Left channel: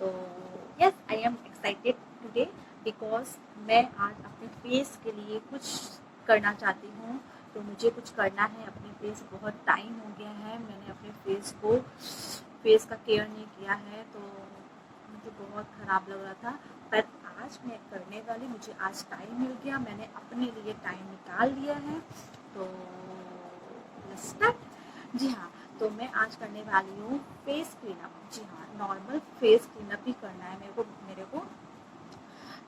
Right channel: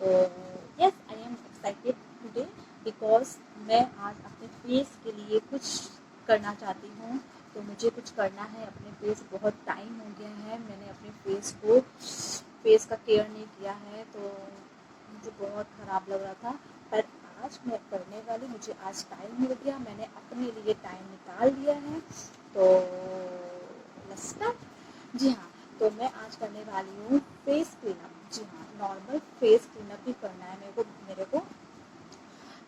तो yes, I am excited today because मैं आज अपने फेस के लिए कुछ करना चाहती हूँ। तो मुझे कुछ करना है अपने फेस, बहुत टाइम हो गया है मैंने अपने फेस का केयर नहीं किया है, तो मुझे बहुत ख़राब लग रहा था। पर आज मैं करने वाली, मुझे आज टाइम मिल गया, मैंने अपने लिए टाइम निकाल लिया है। तो लेट्स स्टार्ट। जी हाँ, तो मैं आज करने वाली हूँ फेस क्लीनअप। जी हाँ, नॉर्मल फेस क्लीनअप ही करना है मेरे को।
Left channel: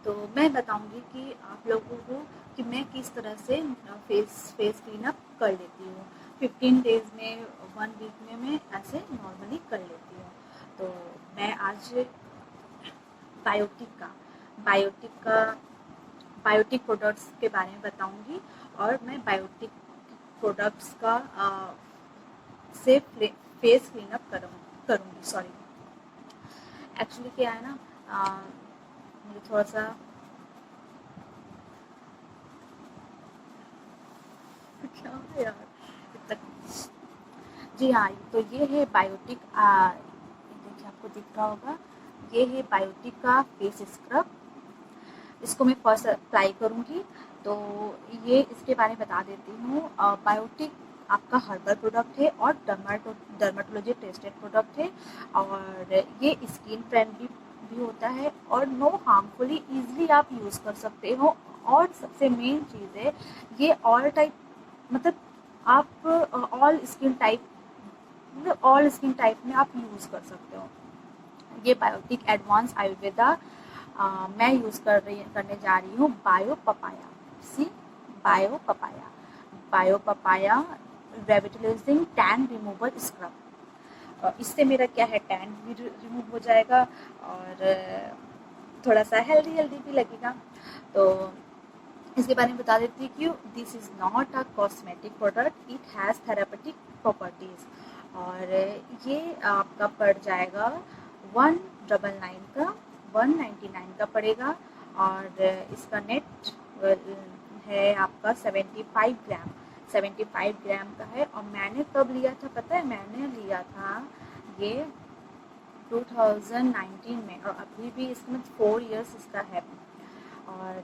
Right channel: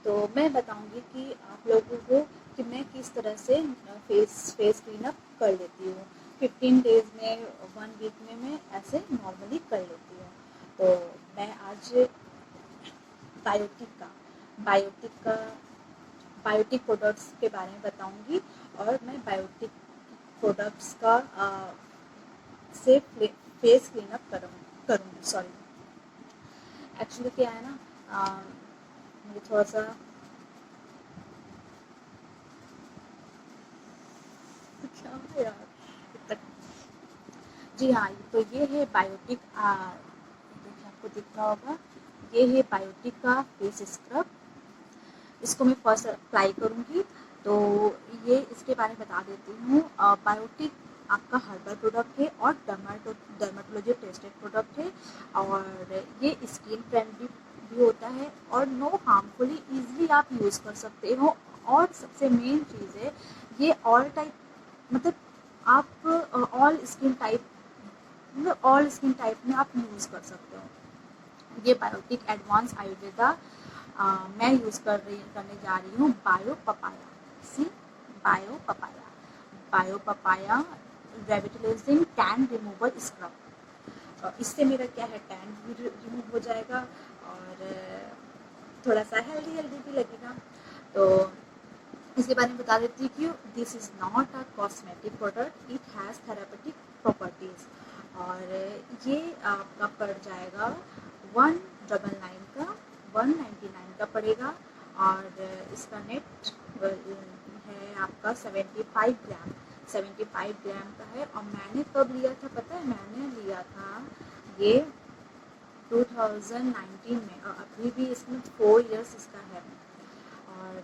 तो मैं बताऊंगी कि आप लोगों को कि मैं किस तरह से फेस क्लीनअप कर लेती हूँ। 15 डेज में, 1 वीक में मैं ऐसे नॉर्मली कर लेती हूँ। तो मैं आज बायोटिक का बायोटिक प्रोडक्ट्स के बारे में बताऊंगी, और मैं बायोटिक प्रोडक्ट्स का से फेस क्लीनअप करूँगी। सॉरी, एक्चुअली क्या है ना, मुझे थोड़ा सा क्या है यार जी हाँ, तो ये है बायोटिक, देखिए आपको दिख रहा होगा, ये है बायोटिक का फेस स्क्रब। इसको मैं फर्स्ट अप्लाई करूँगी। तो ये इसके बारे में बता देती हूँ। बायोटिक आपका हर्बल प्रोडक्ट है और डर्माटोलॉजी टेस्टेड प्रोडक्ट है, और ये स्किन फ्रेंडली भी होता है और नो हार्मफुली इजीली आप यूज़ कर सकते हो। और सबसे मेन चीज़ है, ये ऑल टाइप, मतलब आप ऑल स्किन टाइप में आप यूज़ कर सकते हो। ये बायोटिक एडवांस आयुर्वेदा मैं यूज़ करने जा रही हूँ bio papaya. See, bio papaya revitalising tan removal scrub. इससे मेरा क्या है, टैन भी रिमूव हो जाएगा और थोड़ा सा हेल्दी भी लगेगा। तो इसके बारे में बता देती हूँ कि this is not a cosmetic product, it has therapeutic properties. और ये आपका पड़ जाएगा 199 का, 199 का पड़ेगा। और इसका नेट है आपका 75 ग्राम का है। और मैंने कब लिया था पता है, मैंने लिया था ये 2019 में, और अभी भी इसमें 4 इयर्स इसका है। और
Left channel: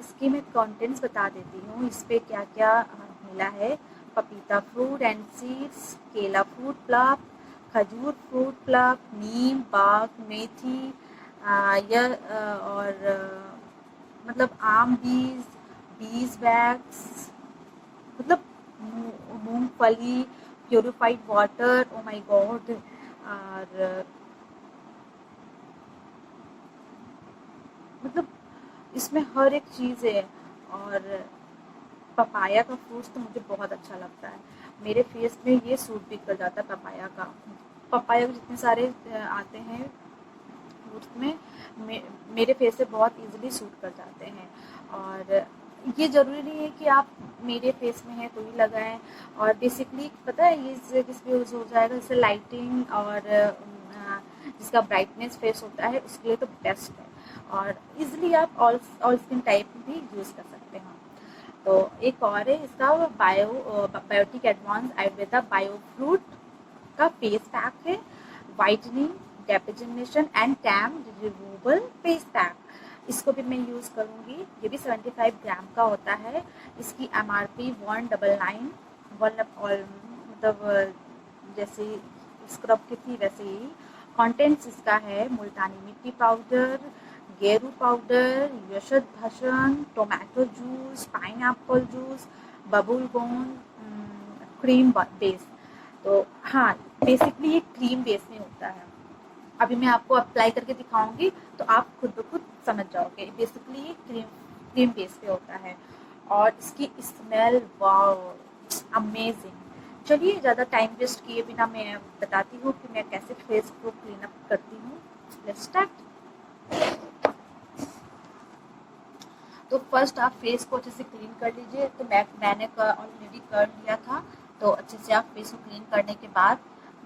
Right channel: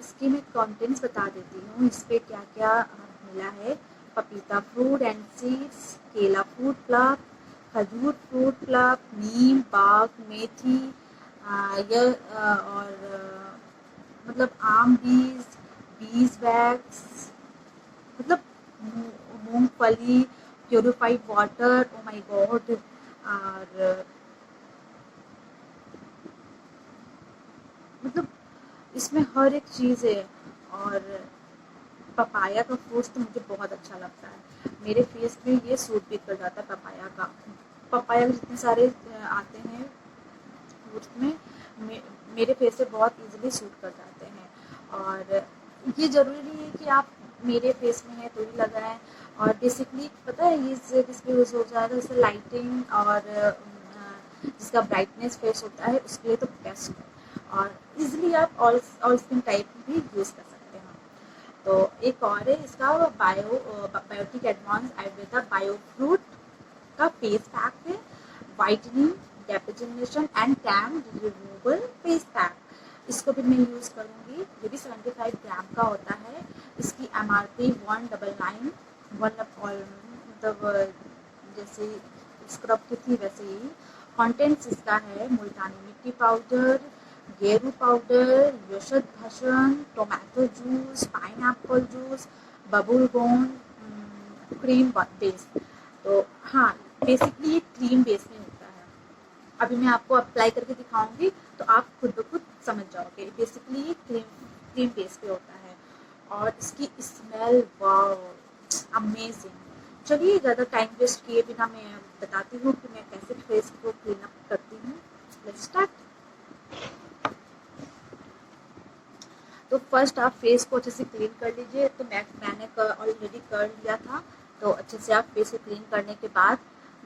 इसकी मैं कंटेंट्स बता देती हूँ, इस पर क्या क्या मिला है। पपीता फ्रूट एंड सीड्स, केला फ्रूट प्लप, खजूर फ्रूट प्लप, नीम बाग, मेथी, और मतलब आम बीज वैक्स, मतलब मूंगफली, purified water, oh my God. और मतलब इसमें हर एक चीज़ है। और पपाया का फ्रूट्स तो मुझे बहुत अच्छा लगता है, मेरे फेस में ये सूट भी कर जाता है पपाया के जितने सारे आते हैं फ्रूट्स में, मेरे फेस से बहुत इजीली सूट कर जाते हैं। और ये ज़रूरी नहीं है कि आप मेरे फेस में है तो ही लगाएं। और बेसिकली पता है ये किस पे यूज़ हो जाएगा, जैसे लाइटिंग और जिसका ब्राइटनेस फेस होता है उसके लिए तो बेस्ट है। और इजीली आप ऑल स्किन टाइप भी यूज़ कर सकते हैं। तो एक और है इसका biotic advance Ayurveda bio fruit का फेस पैक है, whitening, depigmentation and tan removal face pack. इसको भी मैं यूज़ करूँगी। ये भी 75 ग्राम का होता है। इसकी MRP 199, मतलब जैसे स्क्रब की थी वैसे ही। कंटेंट्स इसका है मुल्तानी मिट्टी पाउडर, गेरू पाउडर, यशद भसन, टोमेटो जूस, पाइनएप्पल जूस, बबल गोन, क्रीम बेस। तो हाँ, बेसिकली ये क्रीम बेस में होता है। अभी मैं आपको अप्लाई करके दिखाऊंगी तो आप खुद ब खुद समझ जाओगे। बेसिकली ये क्रीम बेस पे होता है। और इसकी स्मेल वाओ, अमेजिंग। चलिए ज़्यादा टाइम वेस्ट किए बिना मैं बताती हूँ कि मैं कैसे फेस को क्लीन अप करती हूँ। Let's start. तो फर्स्ट आप फेस को अच्छे से क्लीन कर लीजिए। तो मैंने ऑलरेडी कर लिया था। तो अच्छे से आप फेस को क्लीन करने के बाद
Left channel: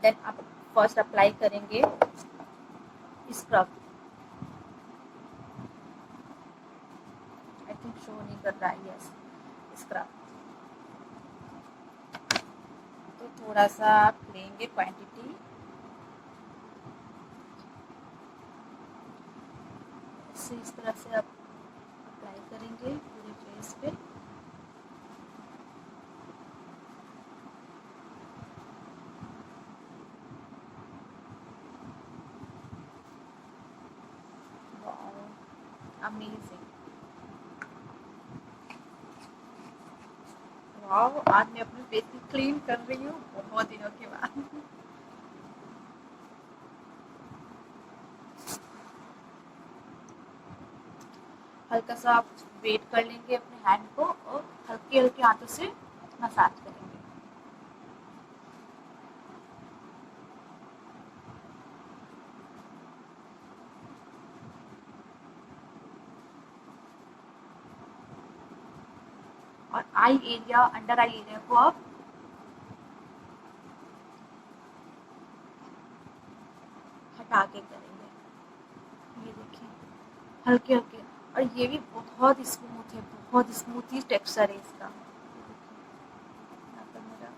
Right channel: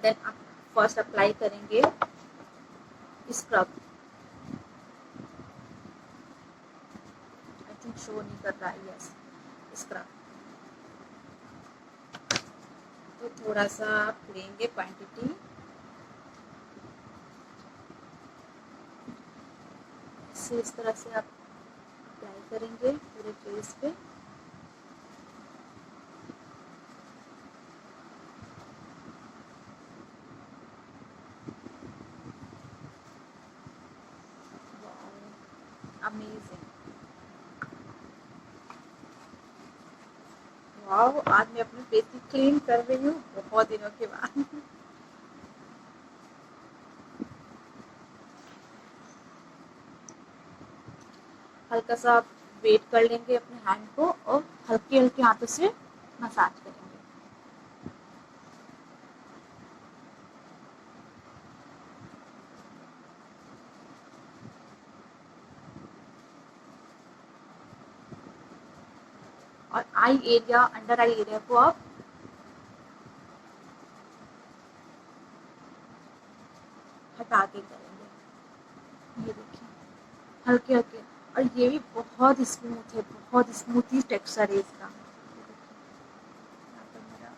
देन आप फर्स्ट अप्लाई करेंगे स्क्रब। आई थिंक शो नहीं कर रहा है, यस, स्क्रब। तो थोड़ा सा आप लेंगे क्वांटिटी, इसे इस तरह से आप अप्लाई करेंगे पूरे फेस पे। अमेजिंग, वाह, आज मैं अपने फेस की क्लीन कर रही हूँ बहुत दिनों के बाद। हल्का सा आप वेट कर लेंगे अपने हैंड को और हल्के हल्के हाथों से मसाज करेंगे। और eye area, under eye area को आप हटा के करेंगे। ये देखिए, हल्के हल्के, और ये भी बहुत स्मूथ है, बहुत स्मूथी टेक्सचर है इसका। ये देखिए, यहाँ पर मेरा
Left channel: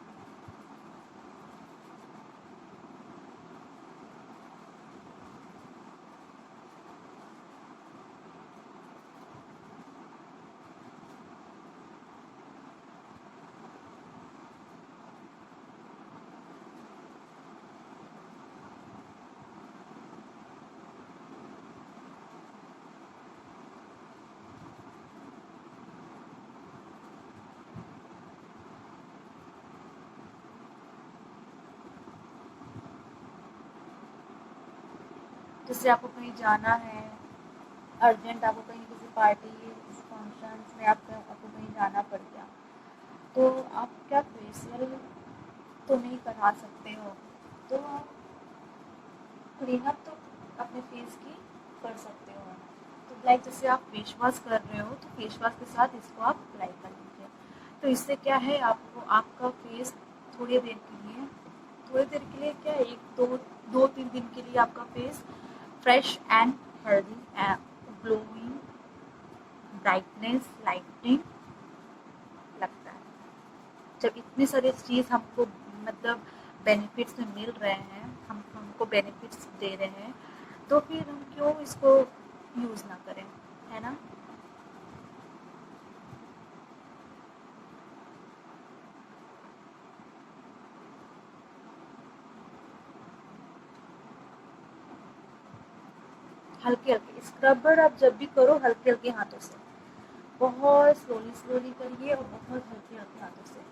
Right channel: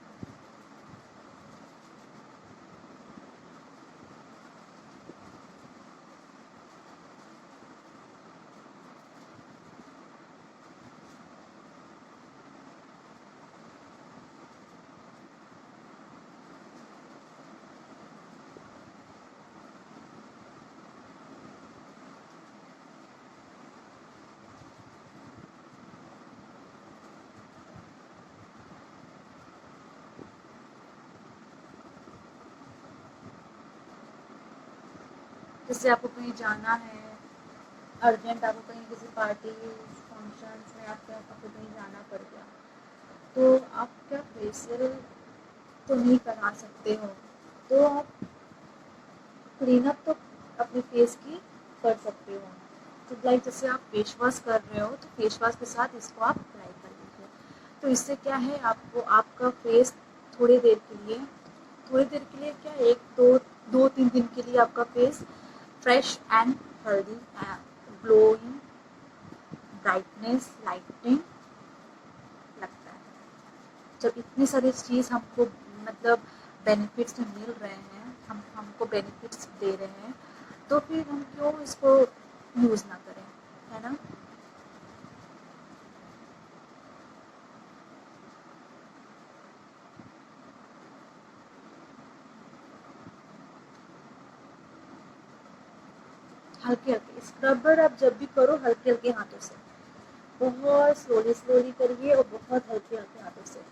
जैसे आपको कहीं जाना है अर्जेंट, आपको कहीं किसी पार्टी फंक्शंस में आपको कहीं जाना पड़ गया, तो आप क्या फेशियल तो नहीं करा सकते हो, तो आप क्लीनअप तो अपने फेस की कर सकते हो। तो लाइक जैसे आप फेस वॉश कर रहे हो तो फेस वॉश के साथ इसको आप अप्लाई कर लीजिए। तो इससे क्या है, आपको आपका फेस थोड़ी देर के लिए क्या, एक दो तीन दिन के लिए आपका face fresh and healthy and glowing, brightness, lightning लगता है। जब इतनी सारी चीज़ हमको मतलब बेनिफिट्स में मिल रहे हैं, हमको बेनिफिट्स दे रहे हैं, तो फिर हम क्यों इसको यूज़ ना करें, है ना। हल्के हल्के स्क्रबर आप जब भी करो हल्के हल्के हाथों से, बहुत स्लोली स्लोली करिए और बहुत हल्के हल्के हाथों से।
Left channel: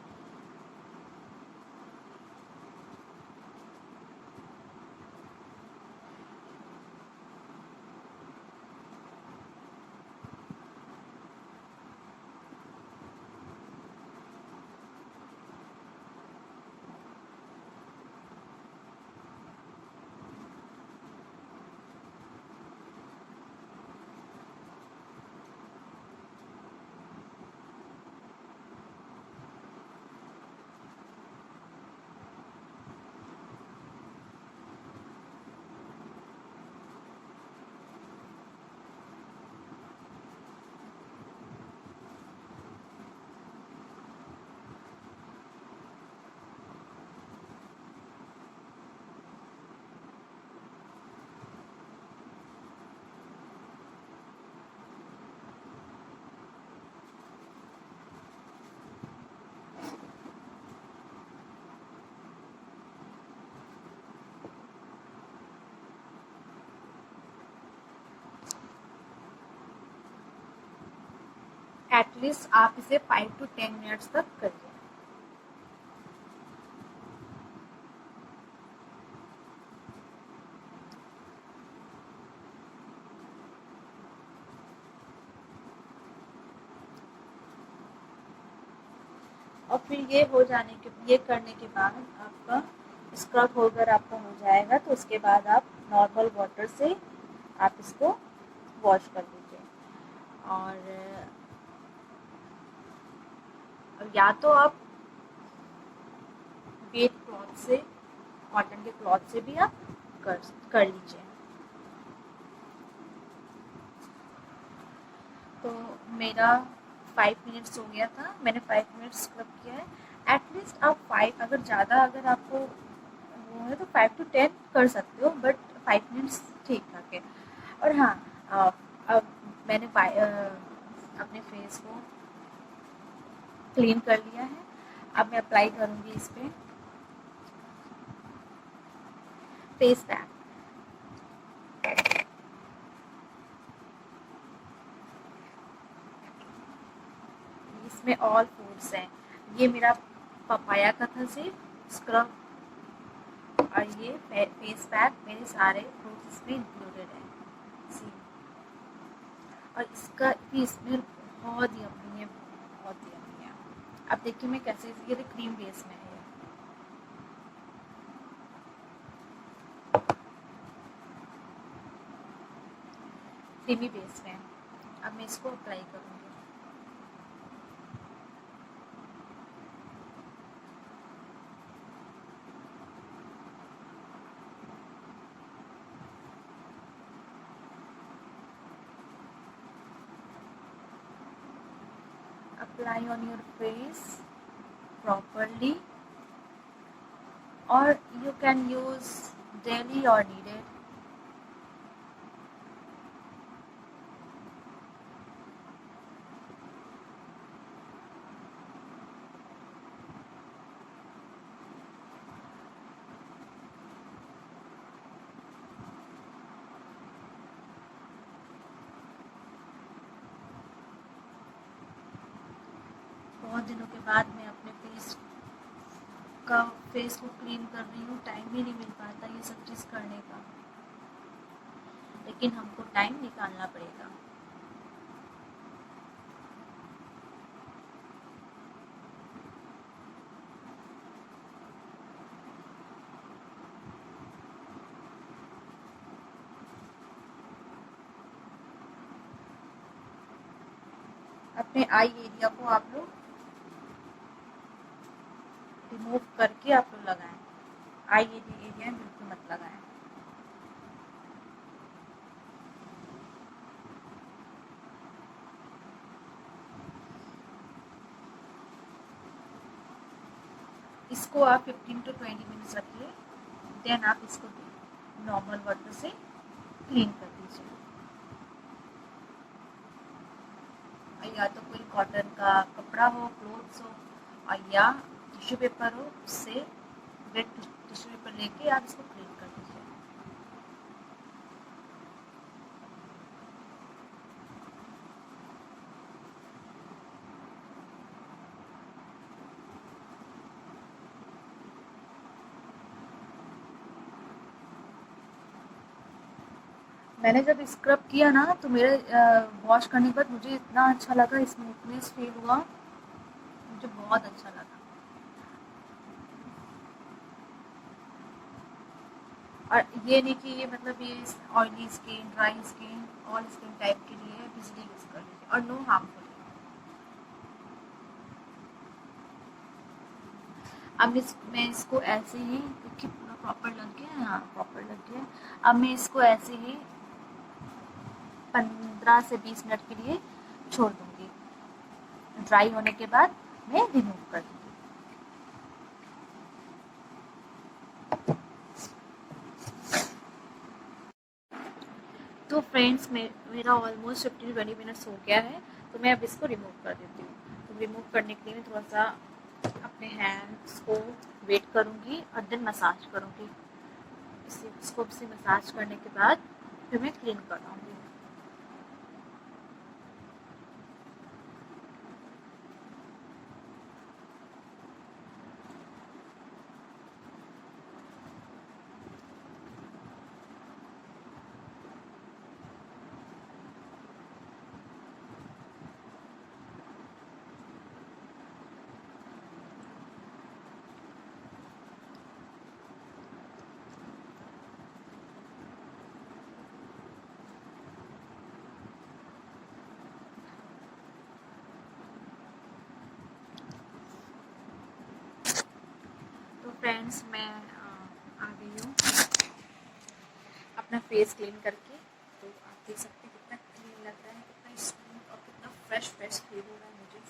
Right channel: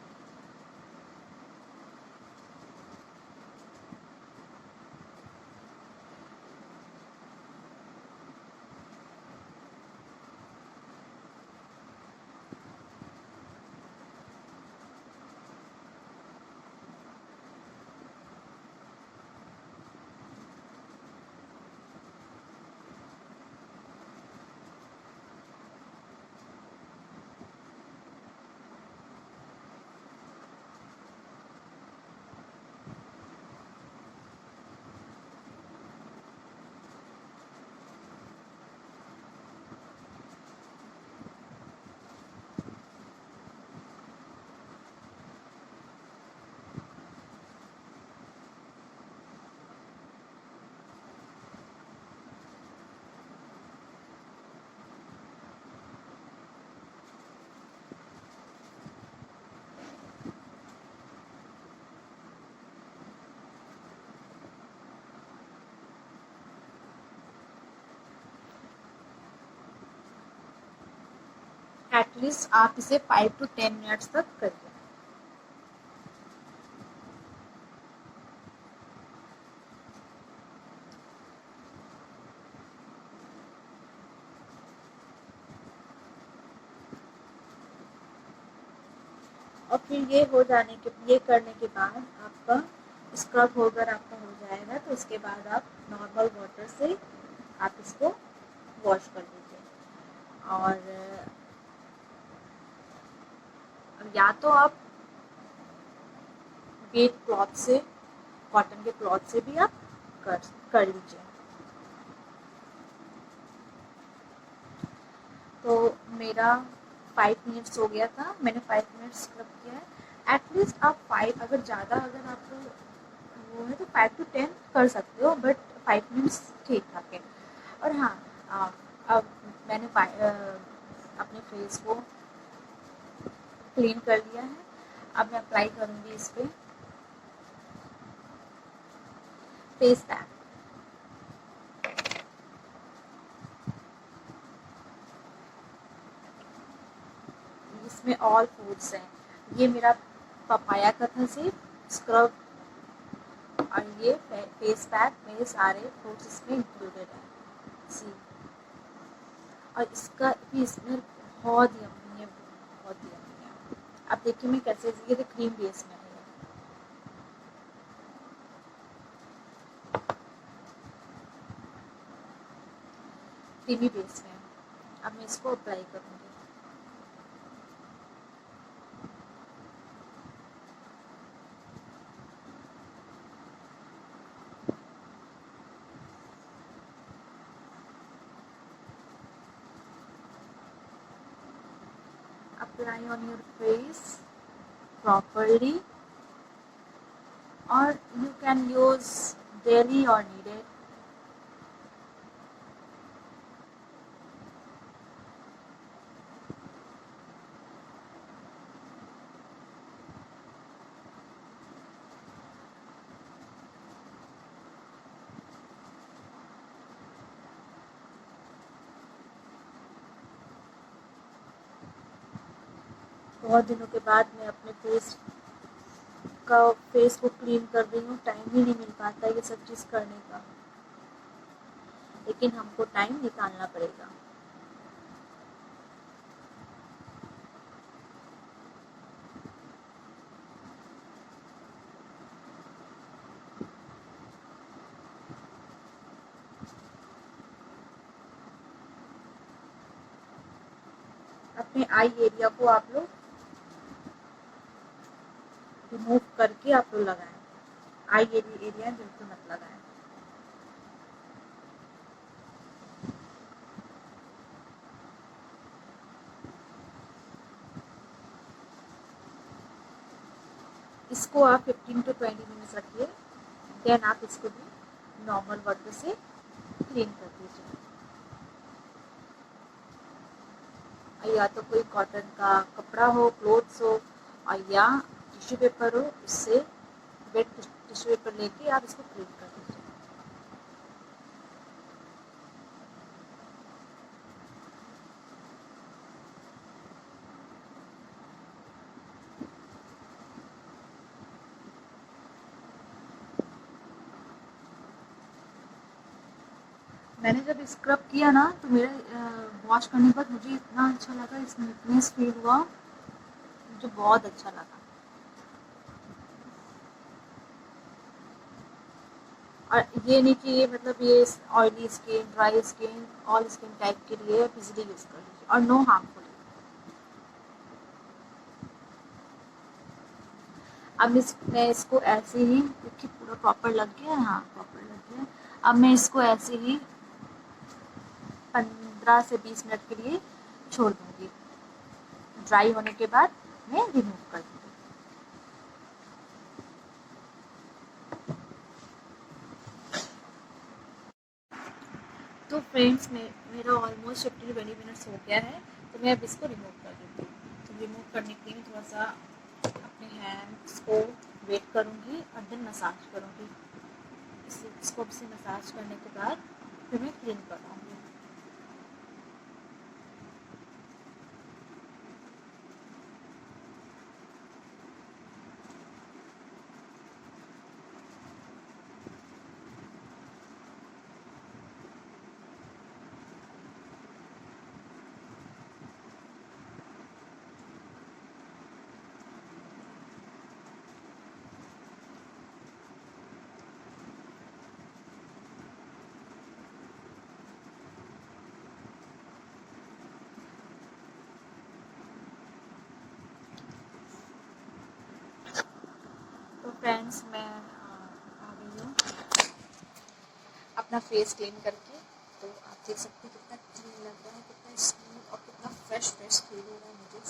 एटलीस्ट आप इसे 5 to 10 मिनट्स तक करिए। और फिर ये करने के बाद आपका स्क्रब होकर आपका हो जाएगा, तो उसके बाद आप नॉर्मल वाटर से आप इसको वॉश कर लीजिए। और या तो आप वेट क्लॉथ से, कॉटन के क्लॉथ से भी आप कर लीजिए। तो मेरा 5 मिनट्स हो गया था, मैंने 5 मिनट्स स्क्रब किया है। एटलीस्ट आप 5, अगर आपको वो है तो 5 to 10 कर सकते हो, बट 5 मिनट्स ठीक ठाक है। और हाँ, अब मैंने अपने फेस को क्लीन कर लिया है। अब मैं अप्लाई करूँगी इस पे फेस पैक। इसमें ऑल फूड्स हैं। ये मेरा पपाया का था सिर्फ स्क्रब, और ये फेस पैक मेरे सारे फ्रूट्स इसमें इंक्लूडेड हैं। सी, और इसका भी स्मेल बहुत यम्मी है, बहुत यम्मी है। अब देखिए मैं कैसे, ये तो क्रीम बेस में है, क्रीमी बेस में है। अब मैं इसको अप्लाई करूँगी। Apply on your face properly, or you can use daily or needed. बहुत दिनों के बाद मैं अपने फेस को क्लीन कर रही हूँ। टाइम ही नहीं मिल पाता ये सब चीज़ करने का, लेकिन हमको टाइम निकालना पड़ेगा। अपने आई एरिया को आप लोग रिमूव करके आप लोग लगाएं। आई एरिया बिल्कुल मत लगाएं। इसको आप 15 to 20 मिनट्स रखिए, देन आप इसको भी नॉर्मल वाटर से क्लीन कर दीजिए। या तो कोई कॉटन का कपड़ा हो, क्लोथ्स हो, और या टिश्यू पेपर हो, उससे वेट टिश्यू पेपर लेके आप इसको क्लीन कर दीजिए। मैंने जब स्क्रब किया ना, तो मेरे वॉश करने के बाद मुझे इतना अच्छा लगा, स्मूथनेस फील हुआ, मुझे बहुत अच्छा लगा। और ये नहीं कि ये मतलब ये oily skin, dry skin, all skin type के लिए इजीली यूज कर लीजिए, और नो हार्मफुल। अब मैं इसको ऐसे ही, क्योंकि पूरा प्रॉपर लग गया है, हाँ प्रॉपर लग गया है। अब मैं इसको ऐसे ही 15 से 20 मिनट के लिए छोड़ दूंगी। ड्राई होने के बाद मैं रिमूव कर दूंगी। तो फ्रेंड्स, मेरा ऑलमोस्ट 15 to 20 मिनट्स हो गया है, तो मैं अब इसको रिमूव कर देती हूँ। तो रिमूव करने के लिए थोड़ा सा अपने हैंड्स को वेट करूँगी और देन मसाज करूँगी। इसको से मसाज करने के बाद फिर मैं क्लीन कराऊँगी। तो फ्रेंड्स, मैं आ गई हूँ अपना फेस क्लीन करके। तो आप देख सकते हैं कितना क्लीन लग रहा है, कितना स्मूथ और कितना फ्रेश फील हो रहा है मुझे।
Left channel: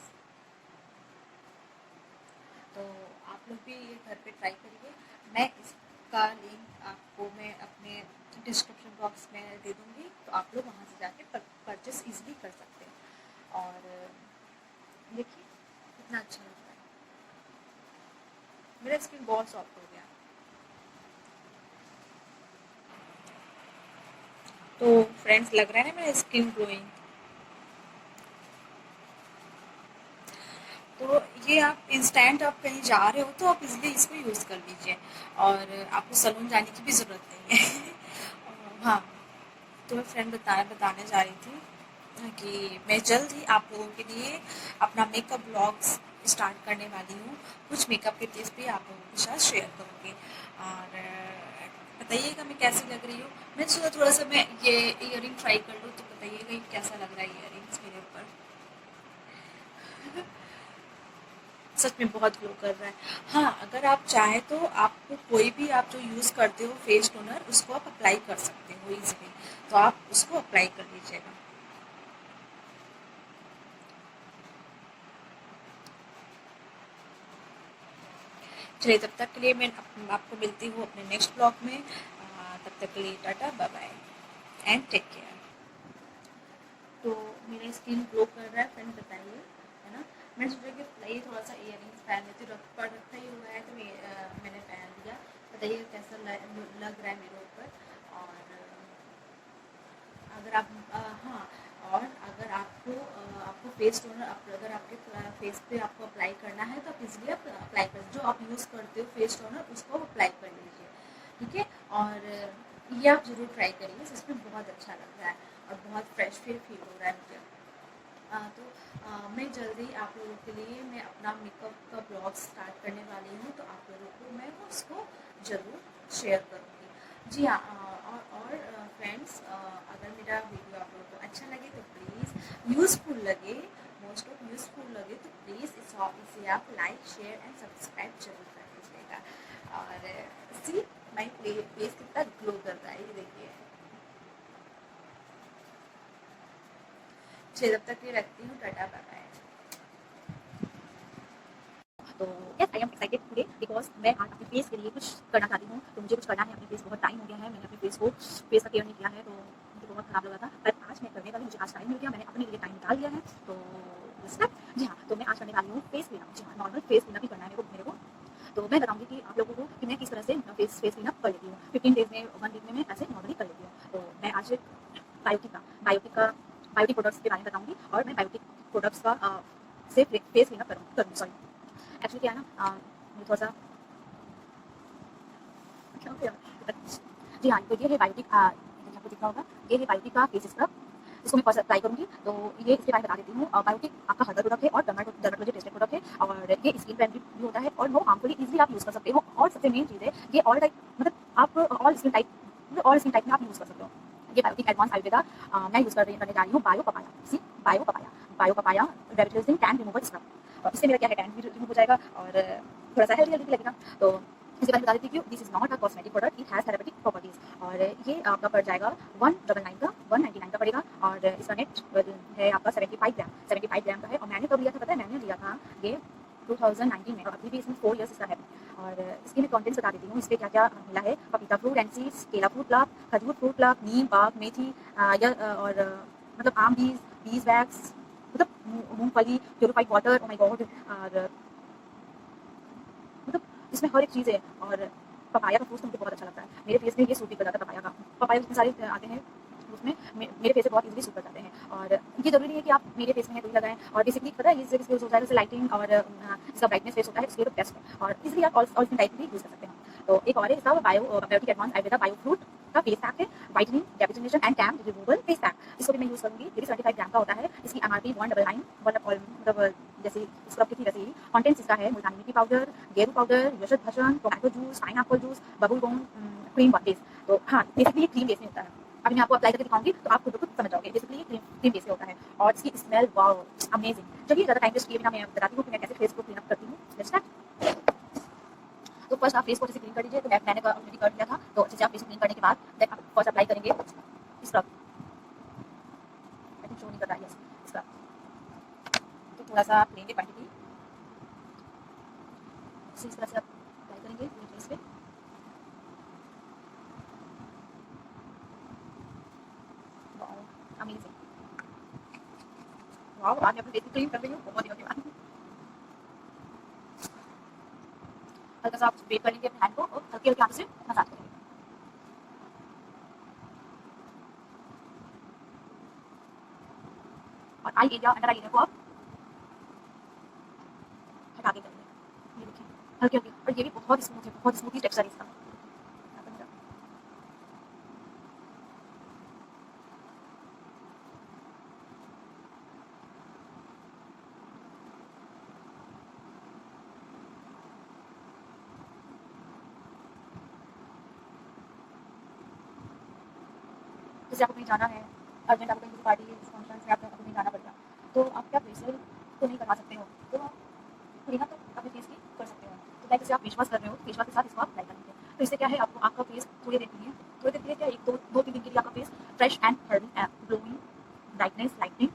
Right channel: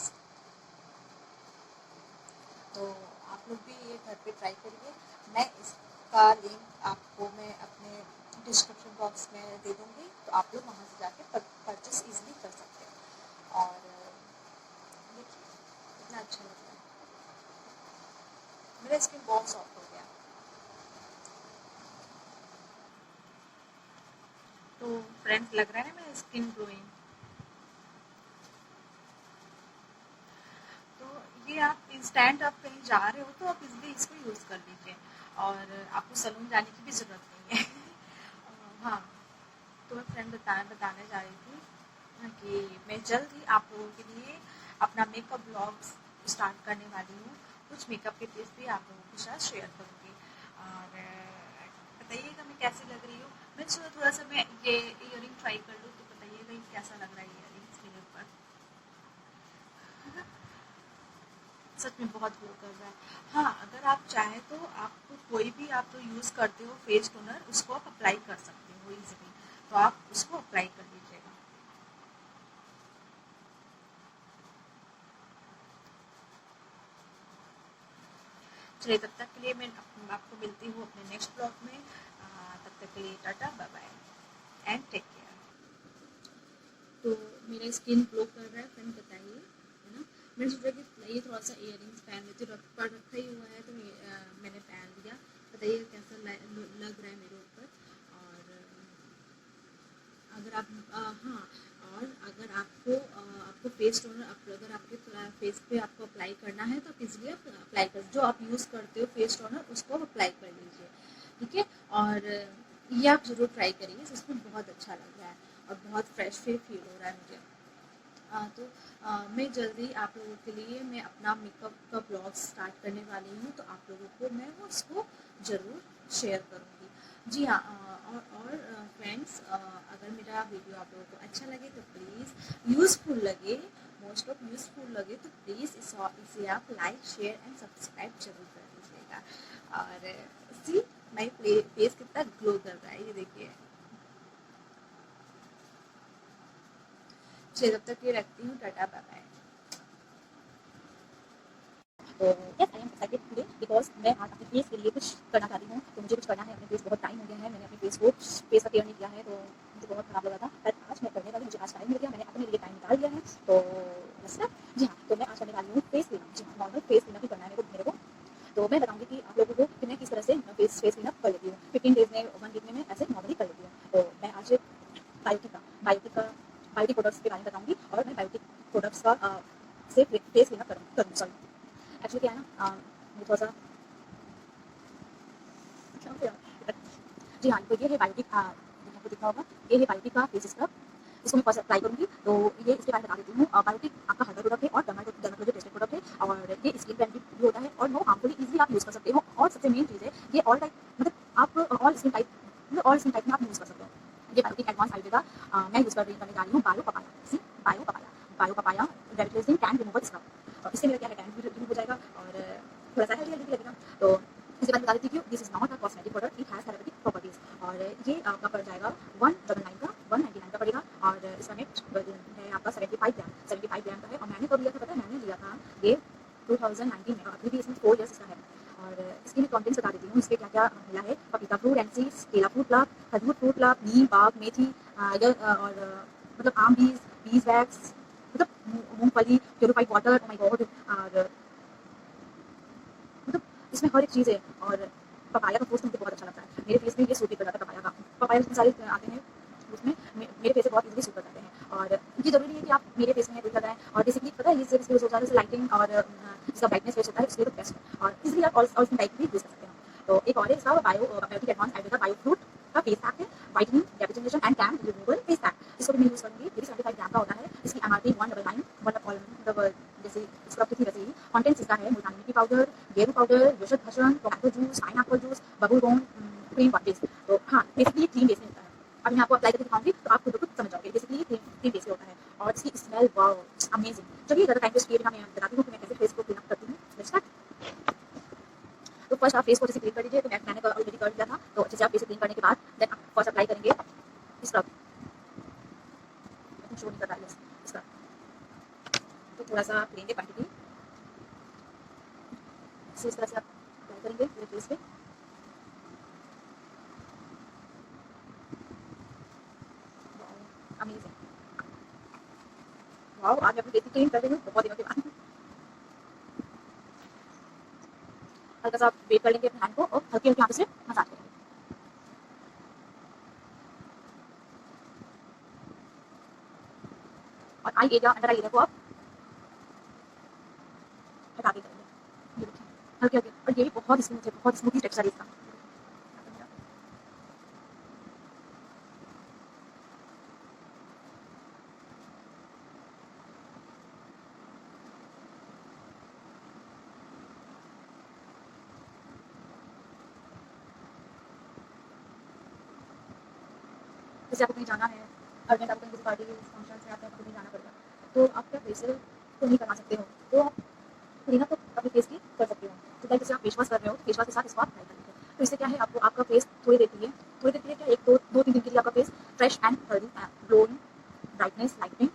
तो आप लोग भी ये घर पे ट्राई करिए। मैं इसका लिंक आपको मैं अपने डिस्क्रिप्शन बॉक्स में दे दूँगी, तो आप लोग वहाँ से जाके कर एडजस्ट इजीली कर सकते हैं। और देखिए कितना अच्छा लग रहा है, मेरा स्किन बहुत सॉफ्ट हो गया। तो फ्रेंड्स, लग रहा है ना मेरा स्किन ग्लोइंग। तो ये आप इंस्टेंट आप कहीं जा रहे हो तो आप इजीली इसको यूज़ कर लीजिए, और आपको सलून जाने की भी ज़रूरत नहीं है। हाँ, तो मैं फ्रेंड बताने जा रही थी कि मैं जल्द ही आप लोगों के लिए अपना मेकअप ब्लॉग्स स्टार्ट करने वाली हूँ। कुछ मेकअप के टिप्स भी आप लोगों के साथ शेयर करूँगी, और बताइएगा मैं कैसी लग रही हूँ। मैं सोचा थोड़ा सा मैं ये ईयरिंग ट्राई कर लूँ, तो बताइएगा ये कैसा लग रहा है ईयरिंग्स मेरे ऊपर। सच में बहुत ग्लो कर रहा है। हाँ, अगर आप चाहें तो आपको कोई भी आप जो यूज़ करते हो फेस टोनर, उसको आप अप्लाई कर सकते हो ईजिली, तो आप उसको अप्लाई कर लीजिएगा। चलिए, तब तक के लिए मैं आपको मिलती हूँ अपने नेक्स्ट ब्लॉग में। तब तक के लिए tata, bye bye and take care. तो मेरा स्किन ग्लो कर रहा है फ्रेंड, बताइए, है ना। मैंने सोचा कि ये थोड़ा सा इयरिंग्स पहन लेती हूँ, रखा ही हुआ है तो मैंने पहन लिया। बताइए कैसा लग रहा है मेरे ऊपर। और अगर आप हाँ, और अगर आपको फेस टोनर अगर आपके फेस पे आपको अप्लाई करना है तो आप इजीली आप अप्लाई कर, जो आप यूज़ करते हो फेस टोनर उसको आप अप्लाई कर लीजिए, ठीक है। और ये आप ज़रूर ट्राई करिए, इसमें बहुत अच्छा लग रहा है और बहुत फ्रेश फील हो रहा है मुझे। तो मैं जल्दी आप लोगों के लिए मैं अपना मेकअप का ब्लॉग स्टार्ट करने वाली हूँ, तो आप लोगों को मैं वो उसको ज़रूर शेयर करूँगी। जी हाँ, और फ्रेंड्स, अगर मेरा वीडियो आप लोगों को अच्छा लगे तो प्लीज़, यूज़फुल लगे, मोस्ट ऑफ यूज़फुल लगे तो प्लीज़ इसे आप लाइक शेयर एंड सब्सक्राइब जरूर कर दीजिएगा। और सी माई फेस कितना ग्लो कर रहा है, ये देखिए। चलिए, तब तक के लिए रखती हूँ, टाटा, बाय बाय। तो yes, I am excited today because मैं आज अपने फेस के लिए कुछ करना चाहती हूँ, तो मुझे कुछ करना है। अपने फेस बहुत टाइम हो गया है, मैंने अपने फेस का केयर नहीं किया है, तो मुझे बहुत खराब लगा था, पर आज मैं करने वाली, मुझे आज टाइम मिल गया, मैंने अपने लिए टाइम निकाल दिया है। तो यस, जी हाँ, तो मैं आज करने वाली हूँ फेस क्लीनअप। जी हाँ, नॉर्मल फेस क्लीनअप ही करना है मेरे को। तो मैं बताऊँगी कि आप लोगों को कि मैं किस तरह से फेस क्लीनअप कर लेती हूँ। 15 डेज में, 1 वीक में मैं ऐसे नॉर्मली कर लेती हूँ। तो मैं आज बायोटिक प्रोडक्ट्स के बारे में बताऊँगी, और मैं बायोटिक प्रोडक्ट्स का से फेस क्लीनअप करूँगी, सॉरी। एक्चुअली क्या है ना, मुझे थोड़ा सा अच्छा हो गया। जी हाँ, तो ये है बायोटिक, आपको दिख रहा होगा, ये है बायोटिक का फेस स्क्रब। इसको मैं फर्स्ट अप्लाई करूँगी, तो ये इसके बारे में बता देती हूँ। बायोटिक आपका हर्बल प्रोडक्ट है और डर्मेटोलॉजी टेस्टेड प्रोडक्ट है, और ये स्किन फ्रेंडली भी होता है और नो हार्मफुली इजीली आप यूज़ कर सकते हो। और सबसे मेन चीज़ है, ये ऑल टाइप, मतलब आप ऑल स्किन टाइप में आप यूज़ कर सकते हो। ये बायोटिक एडवांस आयुर्वेदा मैं यूज़ करने जा रही हूँ, bio papaya revitalising tan removal scrub. इससे मेरा क्या है, टैन भी रिमूव हो जाएगा और थोड़ा सा हेल्दी भी लगेगा। तो इसके बाद बता देती हूँ, this is not a cosmetic product, it has therapeutic properties. और ये आपका पड़ जाएगा 199 का, 199 का पड़ेगा, और इसका नेट है आपका 75 ग्राम का है। और मैंने कब लिया था पता है, मैंने लिया था ये 2019 में, और अभी भी इसमें 4 ईयर्स इसका है। और इसके मैं कंटेंट्स बता देती हूँ, इसके क्या क्या मिला है। पपीता फ्रूट एंड सीड्स, केला फ्रूट क्लब, खजूर फ्रूट क्लब, नीम पाक, मेथी, और मतलब आम बीज वैक्स, मतलब मूंगफली, purified water, oh my God. और मतलब इसमें हर एक चीज़ है। और पपाया का फ्रूट मुझे बहुत अच्छा लगता है, मेरे फेस में ये सूट भी कर जाता है पपाया का। पपाया उसमें सारे आते हैं, उसमें मेरे फेस से बहुत इजीली सूट कर जाते हैं। और ये जरूरी नहीं है कि आप मेरे फेस में है तो लगाएं। और बेसिकली पता है, ये इसके यूज होता है, जैसे लाइटिंग और इसका ब्राइटनेस फेस होता है, उसके लिए तो बेस्ट है, और इजीली आप ऑल स्किन टाइप भी यूज कर सकते हैं। तो एक और है इसका biotic advance Ayurveda bio fruit का फेस पैक है, whitening definition and tan removal face pack. इसको भी मैं यूज करूंगी। ये भी 75 ग्राम का होता है। इसकी एमआरपी 199, मतलब जैसे स्क्रब की थी वैसे ही। कॉन्टेंट्स इसका है, मुल्तानी मिट्टी पाउडर, गेरू पाउडर, यशक भसन, टोमेटो जूस, पाइनएप्पल जूस, बबल बोन, क्रीम बेस। तो हाँ, बेसिकली 3 डेज में होता है। अभी मैं आपको अप्लाई करके दिखाऊंगी तो आप खुद को समझ जाओगे। बेसिकली 3 डेज में होता है, और इसकी स्मेल वाओ अमेजिंग। चलिए, ज़्यादा टाइम वेस्ट किए बिना मैं बताती हूँ कि मैं कैसे फेस को क्लीन अप करती हूँ। Let's start. तो फर्स्ट आप फेस को अच्छे से क्लीन कर लीजिए। तो मैंने ऑलरेडी कर दिया था, तो अच्छे से आप फेस क्लीन करने के बाद देन आप फर्स्ट अप्लाई करेंगे स्क्रब। आई थिंक शो नहीं कर रहा है, यस, स्क्रब। तो थोड़ा सा आप लेंगे क्वांटिटी, इस तरह से आप अप्लाई करेंगे पूरे फेस पे। Wow amazing. वाओ, आज मैं अपने फेस को क्लीन कर रही हूँ बहुत दिनों के बाद। हल्का सा आप वेट कर लेंगे अपने हैंड को और हल्के हल्के हाथों से मसाज करेंगे। और eye area, under eye area को आप हटा के करेंगे। ये देखिए, हल्के हल्के, और ये भी बहुत स्मूथ है, बहुत स्मूथी टेक्सचर है इसका। जैसे आपको कहीं जाना है, अर्जेंट आपको कहीं किसी पार्टी फंक्शन में आपको कहीं जाना पड़ेगा, तो आप क्या फेशियल तो नहीं करवा सकते हो, तो आप क्लीनअप तो अपने फेस की कर सकते हो। तो लाइक जैसे आप फेस वॉश कर रहे हो, फेस वॉश के साथ इसको आप अप्लाई कर लीजिए। तो इससे क्या है, आपको आपका फेस थोड़ी देर के लिए, थोड़ी देर के लिए क्या, एक दो तीन दिन के लिए आपका face fresh and healthy and glowing, brightness, lightning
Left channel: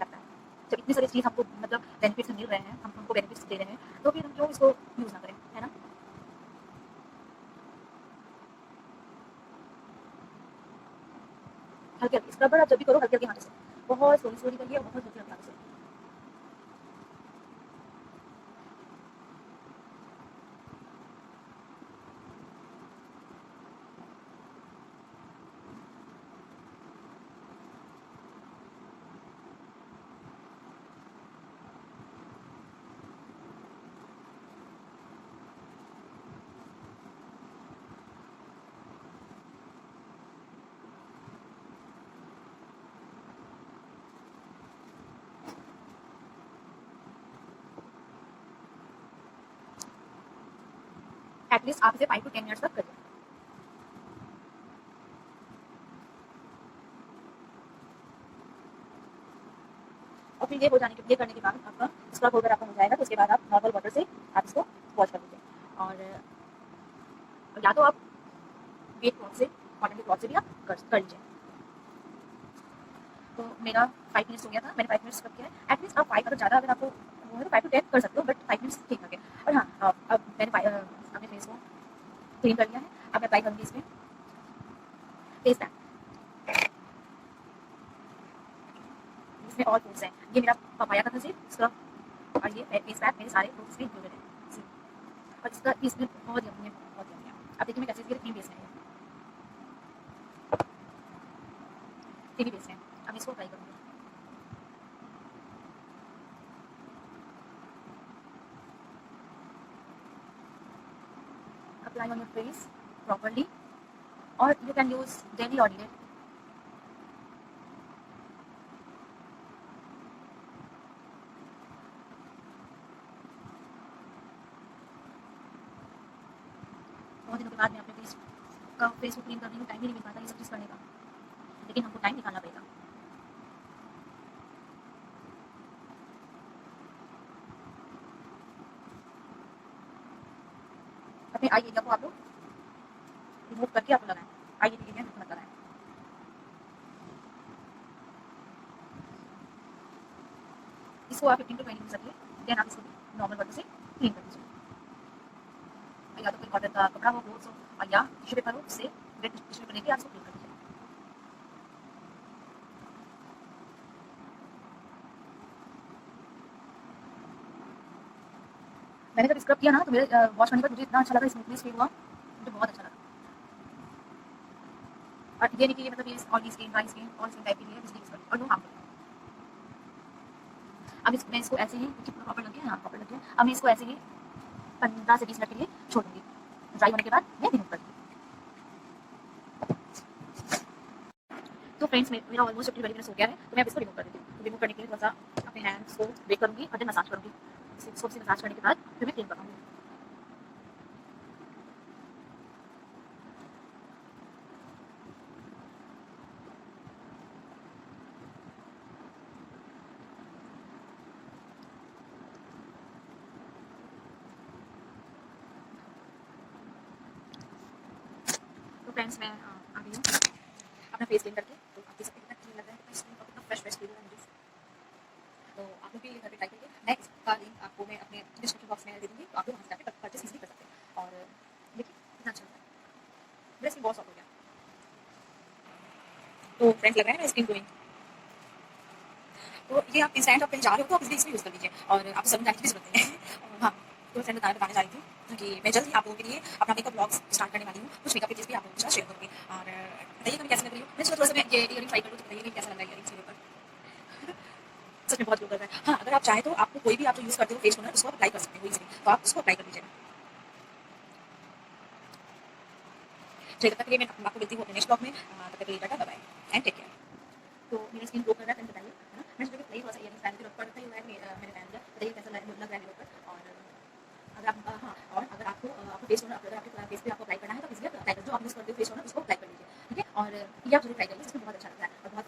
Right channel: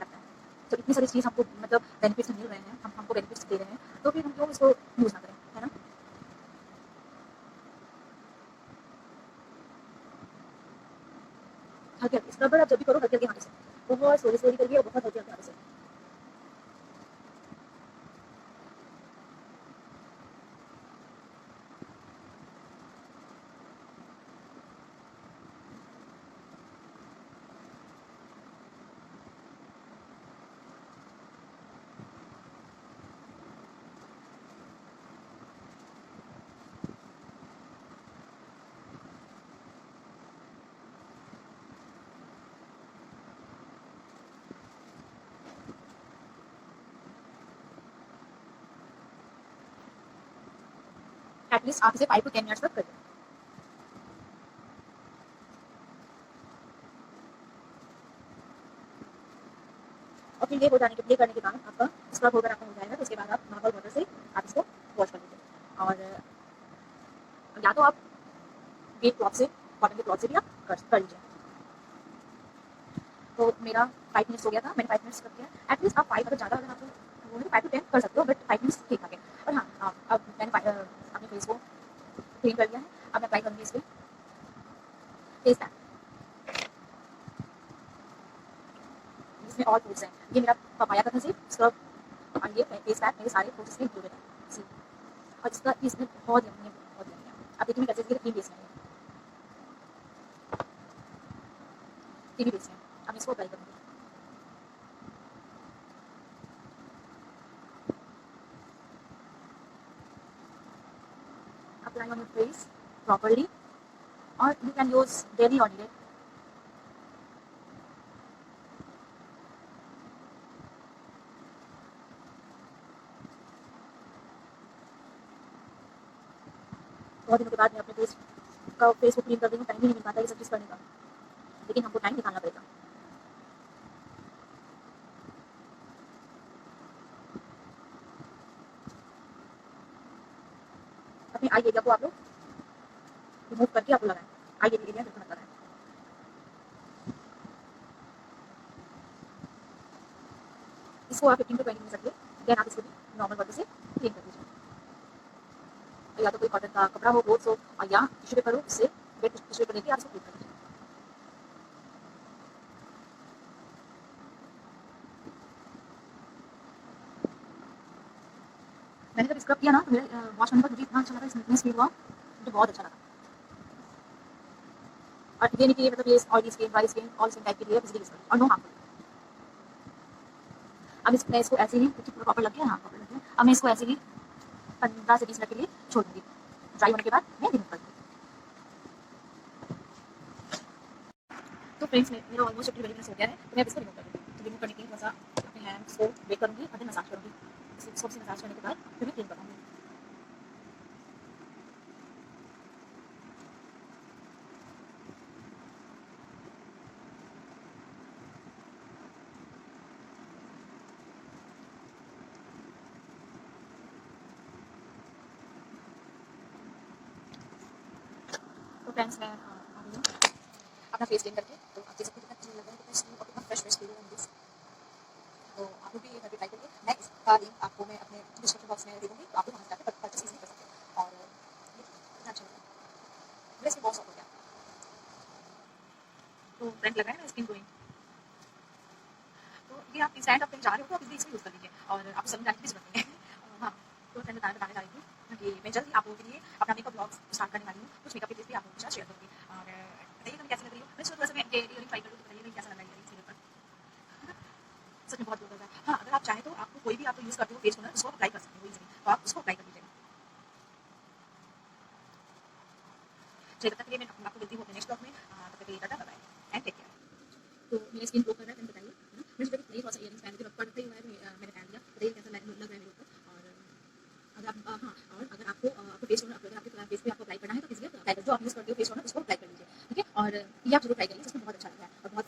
लगता है। तो इतनी सारी चीज़ हमको मतलब बेनिफिट्स मिल रहे हैं, हम हमको बेनिफिट्स दे रहे हैं, तो फिर हम क्यों इसको यूज़ ना करें, है ना। हल्के हल्के स्क्रबर आप जब भी करो हल्के हल्के हाथों से, बहुत स्लोली स्लोली करिए और बहुत हल्के हल्के हाथों से। एटलीस्ट आप इसे 5 to 10 मिनट्स तक करिए। और फिर ये हो जाने के, ये करने के बाद आपका स्क्रब होकर आपका हो जाएगा, तो उसके बाद आप नॉर्मल वाटर से आप इसको वॉश कर लीजिए। और या तो आप वेट क्लॉथ से, कॉटन के क्लॉथ से भी आप कर लीजिए। तो मेरा 5 मिनट्स हो गया था, मैंने 5 मिनट्स करके एटलीस्ट आप 5, अगर ज़्यादा अगर आपको वो है तो 5 to 10 कर सकते हो, बट 5 मिनट्स ठीक ठाक है। और हाँ, अब मैंने अपने फेस को क्लीन कर लिया है, अब मैं अप्लाई करूँगी इस पे फेस पैक, जिसमें ऑल फ्रूट्स हैं। ये मेरा पपाया का था सिर्फ स्क्रब, और ये फेस पैक मेरे सारे फ्रूट्स में इंक्लूडेड है जी। और इसका इसमें बहुत यम्मी है, बहुत यम्मी है। अब देखिए मैं कैसे क्रीम बेस है, ये क्रीमी बेस है। अब मैं इसको अप्लाई करूँगी। Apply on your face properly, और यू कैन यूज डेली और नाइट। बहुत दिनों के बाद मैं अपने फेस को क्लीन कर रही हूँ, टाइम ही नहीं मिल पाता ये सब चीज़ करने का, लेकिन हमको टाइम निकालना पड़ेगा। अपने आई एरिया को आप लोग रिमूव करके आप लगाएं, आई एरिया बिल्कुल मत लगाएं। इसको आप 15 to 20 मिनट रखिए, देन आप इसको नॉर्मल वाटर से क्लीन कर लीजिए। या तो कोई कॉटन का कपड़ा हो, क्लोथ्स हो, और या टिश्यू पेपर हो, उससे वेट टिश्यू पेपर लेके आप इसको क्लीन कर लीजिए। मैंने जब स्क्रब किया ना, तो मेरे वॉश करने के बाद मुझे इतना अच्छा लगा, स्मूथनेस फील हुआ, मुझे बहुत अच्छा लगा। और ये नहीं कि ये मतलब ये oily skin, dry skin, all skin type के लिए बिजली यूज करें, और नो हार्मफुल। अब मैं इसको ऐसे ही, क्योंकि पूरा प्रॉपर लग गया, हाँ प्रॉपर लग गया, अब मैं इसको ऐसे ही 15 से 20 मिनट के लिए छोड़ दूंगी। ड्राई होने के बाद मैं रिमूव कर दूँगी। तो फ्रेंड्स, मेरा ऑलमोस्ट 15-20 मिनट्स हो गया है, तो मैं अब इसको रिमूव कर दूँगी। तो रिमूव करने के लिए थोड़ा सा अपने हैंड्स को वेट करूँगी और देन मसाज करूँगी। इसको से मसाज करने के बाद फिर मैं क्लीन करूँगी। तो फ्रेंड्स, मैं आ गई हूँ अपना फेस क्लीन करके। तो आप देख सकते हैं कितना क्लीन लग रहा है, कितना स्किन और कितना फ्रेश फ्रेश फील हो रहा है मुझे। तो आप लोग भी ये घर पे ट्राई करिए। मैं इसका लिंक आपको मैं अपने डिस्क्रिप्शन बॉक्स में दे दूँगी, तो आप लोग वहाँ से जाके परचेस ईज़िली कर सकते हैं। और देखिए कितना अच्छा लग रहा है, मेरा स्किन बहुत सॉफ्ट हो गया। तो फ्रेंड्स, लग रहा है मेरा स्किन ग्लोइंग। तो ये आप इंस्टेंट आप कहीं जा रहे हो तो आप इसलिए इसमें यूज़ कर लीजिए और आपको सलून जाने की भी ज़रूरत नहीं है। हाँ, तो फ्रेंड बताने जा रही थी कि मैं जल्द ही आप लोगों के लिए अपना मेकअप ब्लॉग स्टार्ट करने वाली हूँ। कुछ मेकअप टिप्स भी आप लोगों के साथ शेयर करूँगी और बताइएगा मैं कैसी लग रही हूँ। मैं सोचा थोड़ा-सा मैं ये इयररिंग ट्राई करूँ तो बताइएगा कैसा लग रहा है इयररिंग्स मेरे ऊपर। सच में बहुत ग्लो कर रहा है। हाँ, अगर आप चाहें तो आपको कोई भी आप जो यूज़ करते हो फेस टोनर उसको आप अप्लाई कर सकते हो ईज़िली, तो आप उसको अप्लाई कर लीजिएगा। चलिए तब तक के लिए मैं आपको मिलती हूँ अपने नेक्स्ट ब्लॉग में। तब तक के लिए tata bye bye and take care. तो मेरी स्किन ग्लो कर रहा है, फ्रेंड बताइए, है ना? मैं सोचा कि नहीं थोड़ा-सा इयररिंग्स पहन के रखा ही हुआ है, मैंने पहन लिया। बताइए कैसा लग रहा है मेरे ऊपर और अगर आप हाँ, और अगर आपको फेस टोनर अगर आपके फेस पे आपको अप्लाई करना है तो ईज़िली अप्लाई कर जो आप यूज़ करते हो फेस टोनर उसको अप्लाई कर लीजिए, ठीक है? और ये आप ज़रूर ट्राई करिए, सच में बहुत अच्छा लग रहा है और बहुत